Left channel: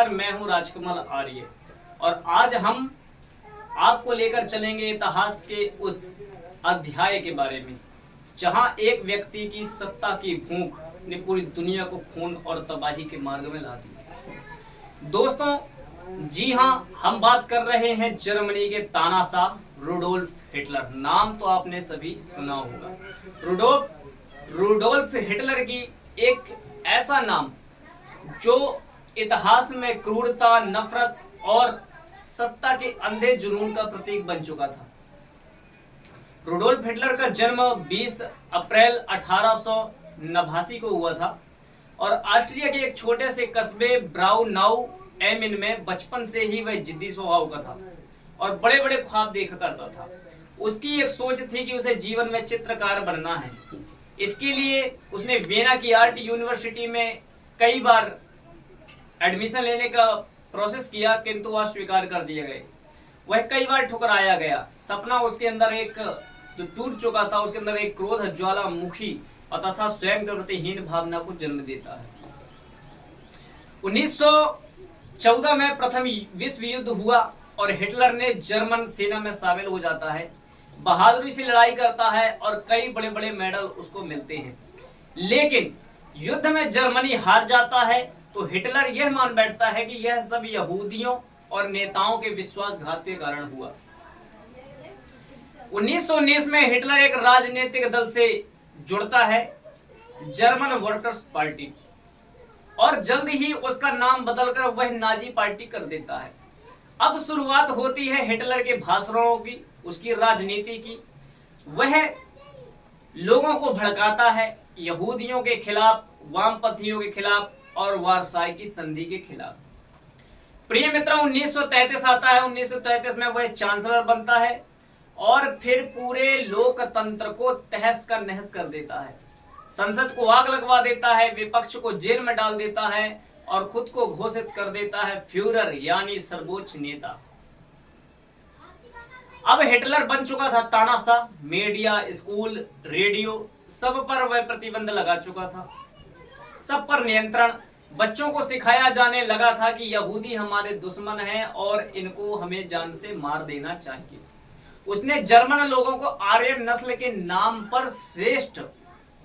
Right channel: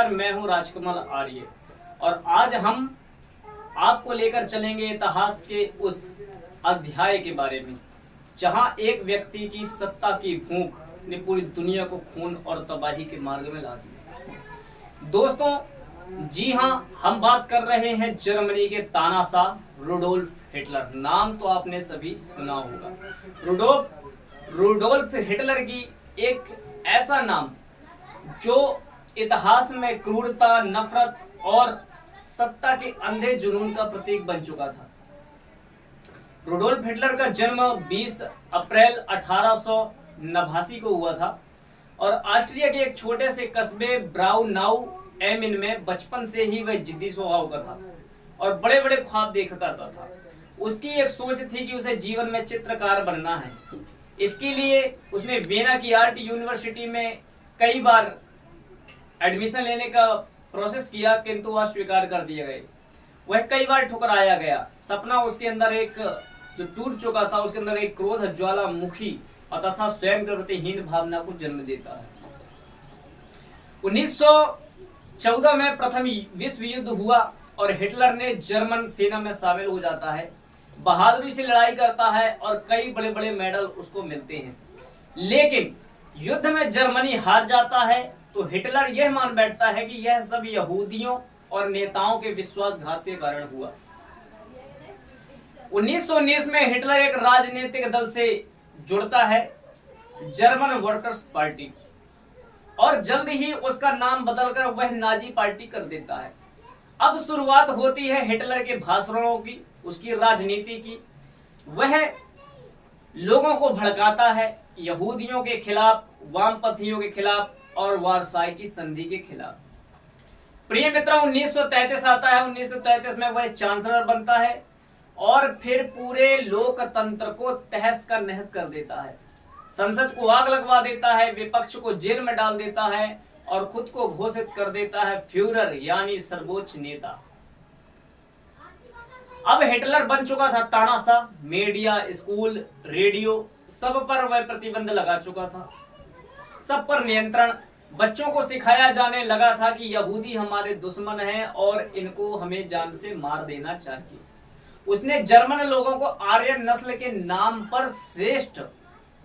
नमस्कार, मैं हूं राजकमल आर्य और आज हम आपको लेकर चलेंगे इतिहास के उस अध्याय के बारे में जहां एक व्यक्ति की सत्ता की भूख ने पूरी दुनिया को खून और तबाही के मार्ग में ला दिया। दोस्तों, जी हां, हम बात कर रहे हैं जर्मनी के तानाशाह रुडोल्फ हिटलर। नाम तो आपने सभी सुना होगा। रुडोल्फ हिटलर की एक ऐसा नाम जो इतिहास में क्रूरता, नफरत और सत्ता के अंधे जुनून का प्रतीक बन चुका था। रुडोल्फ हिटलर का जन्म 20 अप्रैल 1889 को हुआ था और ऑस्ट्रिया के एक छोटे से कस्बे ब्राउनाउ एम इन में बचपन से ही वह जिद्दी स्वभाव का था और बड़े बड़े ख्वाब देखा करता था। उसकी एक सोच थी कि उसे जीवन में चित्रकार बनना है। इसके लिए उसने वियना की आर्ट यूनिवर्सिटी में कई बार एडमिशन लेने का प्रोसेस किया, किंतु वह स्वीकार कर दिए गए। वह कई बार ठुकराया गया। सपना उसके अंदर एक जो टूट चुका था, उसके अंदर एक क्रोध ज्वालामुखी और तथा स्वयं के प्रति हीन भावना को जन्म देता है। 1914 में प्रथम विश्व युद्ध हुआ और हिटलर ने जर्मन सेना में शामिल हो जाता है। बहादुरी से लड़ाई करता है और कई बड़े बड़े मेडल उसको मिलते हैं। लेकिन युद्ध में जर्मनी हार जाता है तो हिटलर यह मान बैठता है कि यह सब यहूदियों और नेताओं के विश्वासघात के कारण हुआ। 1919 में हिटलर एक राजनीतिक दल से जुड़ता है, जर्मन वर्कर्स पार्टी, और जल्द ही उसका नाम बदलकर वह नाजी पार्टी कर देता है। अब शुरुआत होती है हिटलर के भाषणों की, उसकी राजनीति की। वह लोगों को भड़काता है यहूदियों के खिलाफ, वामपंथियों के खिलाफ और वारसाई की संधि के खिलाफ। प्रिय मित्रों, 1933 आता है। 1933 में वह चांसलर बनता है और फिर पूरे लोकतंत्र को तहस का नहस कर देता है। संसद को आग लगवा देता है, विपक्ष को जेल में डाल देता है और खुद को घोषित कर देता है फ्यूरर यानी सर्वोच्च नेता। अब हिटलर बन चुका था तानाशाह। मीडिया, स्कूल, रेडियो सब पर वह प्रतिबंध लगा चुका था, सब पर नियंत्रण। बच्चों को सिखाया जाने लगा था कि यहूदी हमारे दुश्मन हैं और इनको हमें जान से मार देना चाहिए। उसने जर्मन लोगों को आर्य नस्ल के नाम पर श्रेष्ठ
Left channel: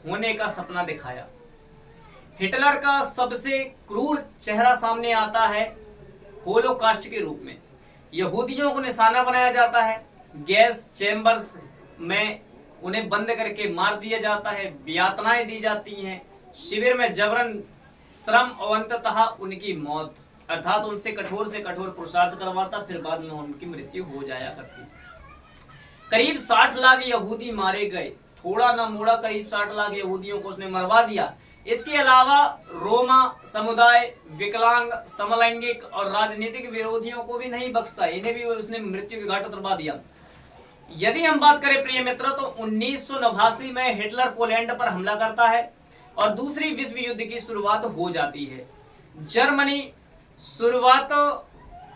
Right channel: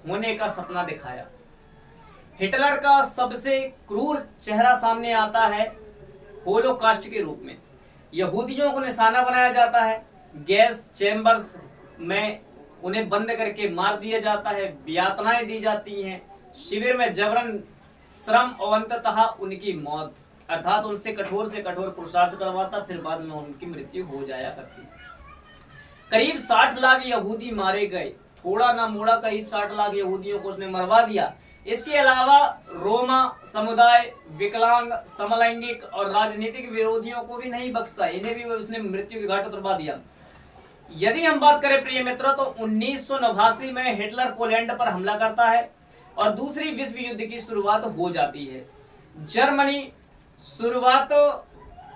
होने का सपना दिखाया। हिटलर का सबसे क्रूर चेहरा सामने आता है होलोकास्ट के रूप में। यहूदियों को निशाना बनाया जाता है, गैस चैम्बर्स में उन्हें बंद करके मार दिया जाता है, यातनाएं दी जाती हैं, शिविर में जबरन श्रम और अंततः उनकी मौत, अर्थात उनसे कठोर से कठोर पुरुषार्थ करवाता, फिर बाद में उनकी मृत्यु हो जाया करती। करीब 60 लाख यहूदी मारे गए, थोड़ा ना मोड़ा, करीब 60 लाख यहूदियों को उसने मरवा दिया। इसके अलावा रोमा समुदाय, विकलांग, समलैंगिक और राजनीतिक विरोधियों को भी नहीं बख्शा, इन्हें भी उसने मृत्यु के घाट उतरवा दिया। यदि हम बात करें प्रिय मित्रों, तो 1989 में हिटलर पोलैंड पर हमला करता है और दूसरी विश्व युद्ध की शुरुआत हो जाती है। जर्मनी शुरुआत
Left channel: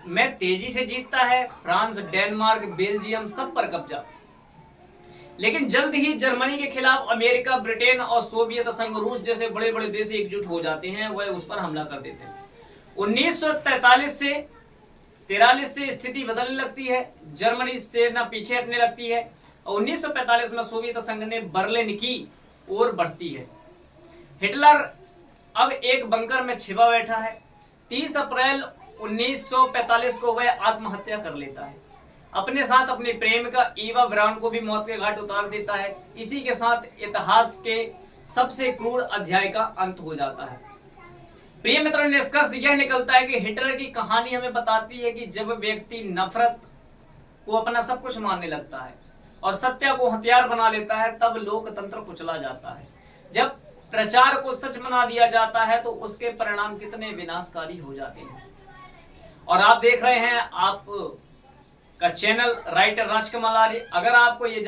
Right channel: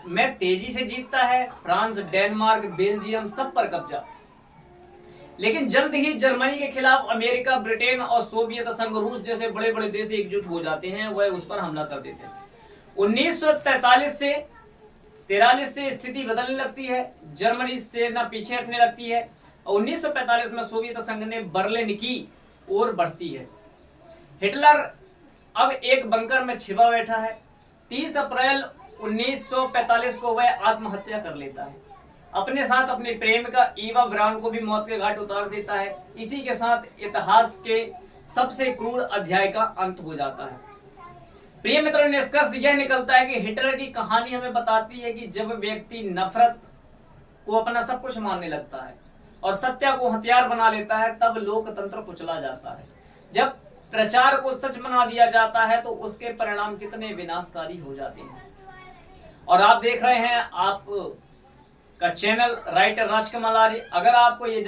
में तेजी से जीतता है, फ्रांस, डेनमार्क, बेल्जियम सब पर कब्जा। लेकिन जल्द ही जर्मनी के खिलाफ अमेरिका, ब्रिटेन और सोवियत संघ, रूस जैसे बड़े बड़े देश एकजुट हो जाते हैं, वह उस पर हमला कर देते हैं। 1943 से 43 से स्थिति बदलने लगती है, जर्मनी सेना पीछे हटने लगती है और 1945 में सोवियत संघ ने बर्लिन की ओर बढ़ती है। हिटलर अब एक बंकर में छिपा बैठा है। 30 अप्रैल 1945 को वह आत्महत्या कर लेता है। अपने साथ अपनी प्रेमिका ईवा ब्राउन को भी मौत के घाट उतार देता है। इसी के साथ इतिहास के सबसे क्रूर अध्याय का अंत हो जाता है। प्रिय मित्रों, निष्कर्ष यह निकलता है कि हिटलर की कहानी हमें बताती है कि जब व्यक्ति नफरत को अपना सब कुछ मानने लगता है और सत्य को हथियार बना लेता है, तब लोकतंत्र कुचला जाता है। जब प्रचार को सच बना दिया जाता है तो उसके परिणाम कितने विनाशकारी हो जाते हैं। और आप देख रहे हैं आप का चैनल राइटर राजकमल आर्य। अगर आपको ये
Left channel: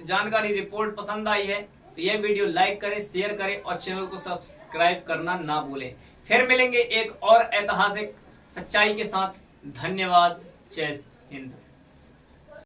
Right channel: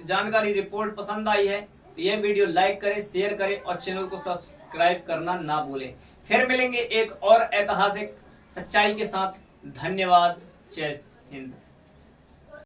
जानकारी रिपोर्ट पसंद आई है तो ये वीडियो लाइक करें, शेयर करें और चैनल को सब्सक्राइब करना ना भूलें। फिर मिलेंगे एक और ऐतिहासिक सच्चाई के साथ। धन्यवाद। जय हिंद।